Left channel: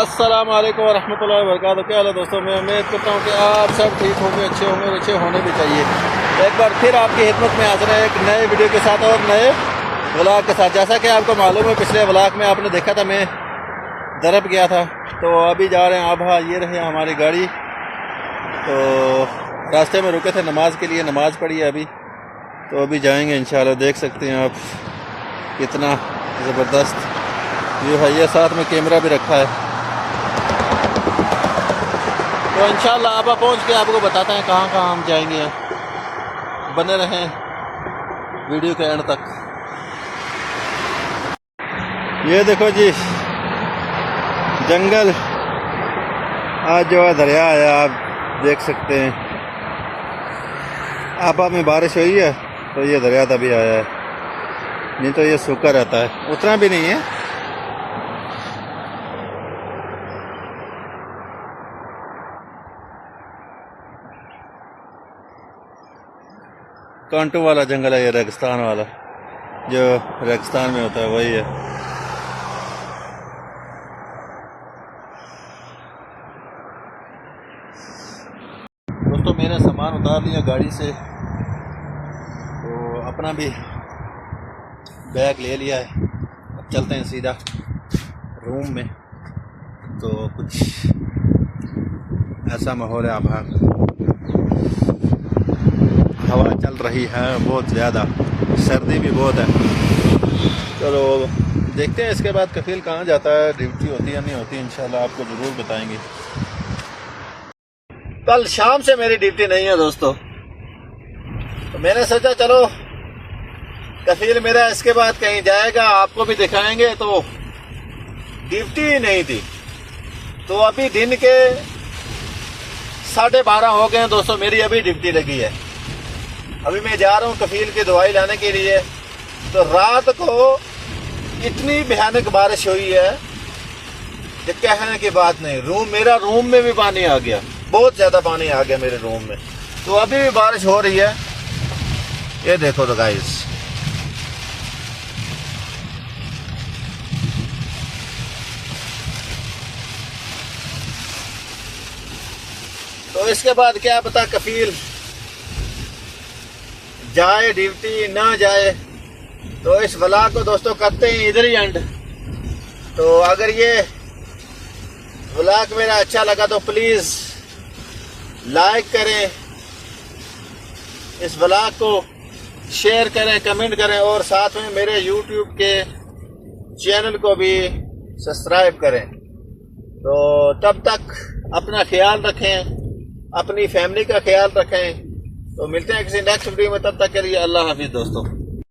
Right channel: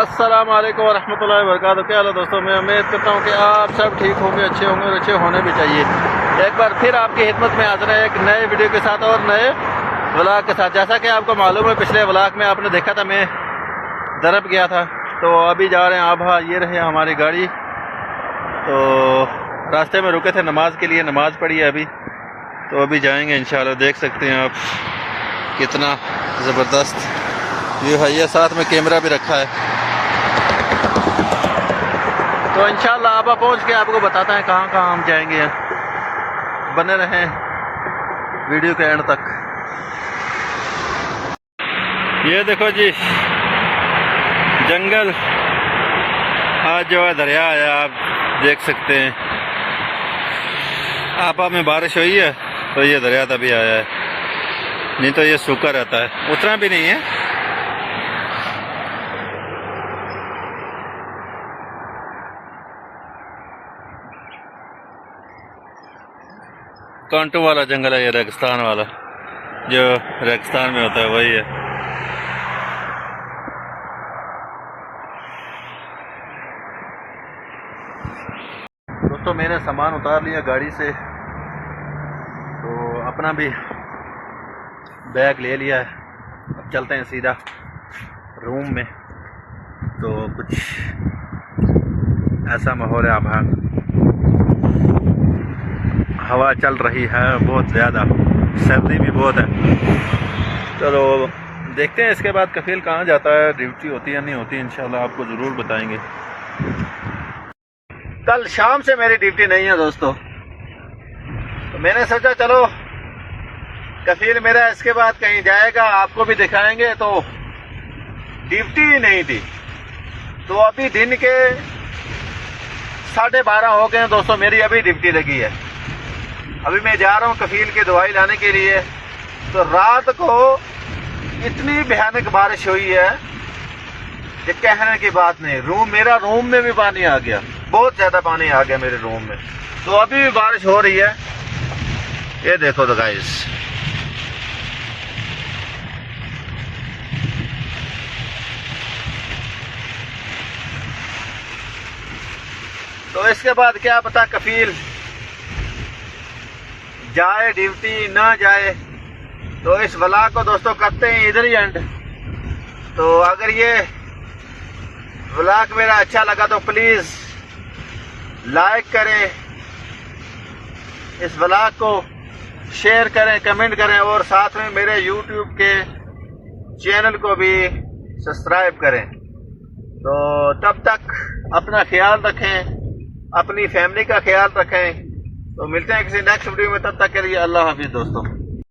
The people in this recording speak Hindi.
अस्सलाम वालेकुम वरहमतुल्लाहि वबरकातुहू। क्या हाल है दोस्तों, मैं उम्मीद करता हूँ कि आप सब ठीक होंगे, अच्छे होंगे और अच्छे होने भी चाहिए। एक बार फिर आपकी खिदमत में हाजिर है एक नए वीडियो के साथ और नए व्लॉग के साथ। जैसा कि आपको मालूम है, पिछले व्लॉग में आपने देखा था मैं दरब गया था, तो अभी जा रहे हैं आप। हाँ, ये रहे हमारी गाड़ी। तो रास्ते में रुके थे नमाज के लिए, नमाज पढ़ी है अभी, तो अभी जाएंगे इंशाल्लाह। देख सकते हैं आप कितना ज़बरदस्त व्यू है। ये साथ में कैमरा भी रखा है, तो इंशाल्लाह आप पहुंच के आपको बताते हैं कहाँ कहाँ हम जाएंगे। बने रहें वीडियो के एंड तक। ये देखो जी, जंगल आज जो है दरिया है, आप देख सकते हैं। आपा में बारिश हुई है तो ये दरिया तभी आया है, नहीं तो ये सूखा रहता है, उतना भी नहीं है। कांटों वाला जंगल है ये, रेगिस्तान वाला, जो रेगिस्तान में होता है वही है। दोस्तों, मैंने सामान उतार लिया गाड़ी से, तो अपना भी बैग ले लिया है। अब चलते हैं सीधा रूम में। तो कुछ ऐसा माहौल है, आप हवा चल रही है बहुत ज़्यादा, सर्दी भी बहुत है। चलो देखते हैं इसके बाद कफील कहाँ जाता है, ड्यूटी होती है नहीं होती, इंशाल्लाह आपको ज़रूर बताएंगे। कल शाम से मेरी ड्यूटी नहीं है दोस्तों, तो मैंने सोचा चलो कफील मेरा इसके बाद कहीं जाएगा, आपको भी दिखाएंगे। तो ड्यूटी ही नहीं थी, तो अभी दिन के 12:30 हो गए दोस्तों, मेरी अभी ड्यूटी लगी है। अभी मैं जा रहा हूँ कफील की दवाई लाने के लिए। तो रात को इतनी भयानक बारिश हुई है कि कहने की बात नहीं। मेरा रूम में भी पानी आ गया, बहुत ज्यादा पानी आ गया मेरे रूम में। तो अभी भी बारिश हो रही है, ये देखो तो गाइस। तो इसके बाद क्या पता कफील जाए ड्यूटी ना जाए। तो इस व्लॉग को दोस्तों करते हैं इधर ही एंड। तो अगर ये व्लॉग मेरा अच्छा लगा तो प्लीज लाइक करें, इस व्लॉग को शेयर करें, कमेंट करें, और साथ में मेरे यूट्यूब के चैनल को भी सब्सक्राइब करें। तो तब तक अपना ख्याल रखें, अपनी फैमिली का ख्याल रखें। तो मिलते हैं किसी नेक्स्ट वीडियो में, तब तक के लिए अल्लाह हाफिज़ दोस्तों।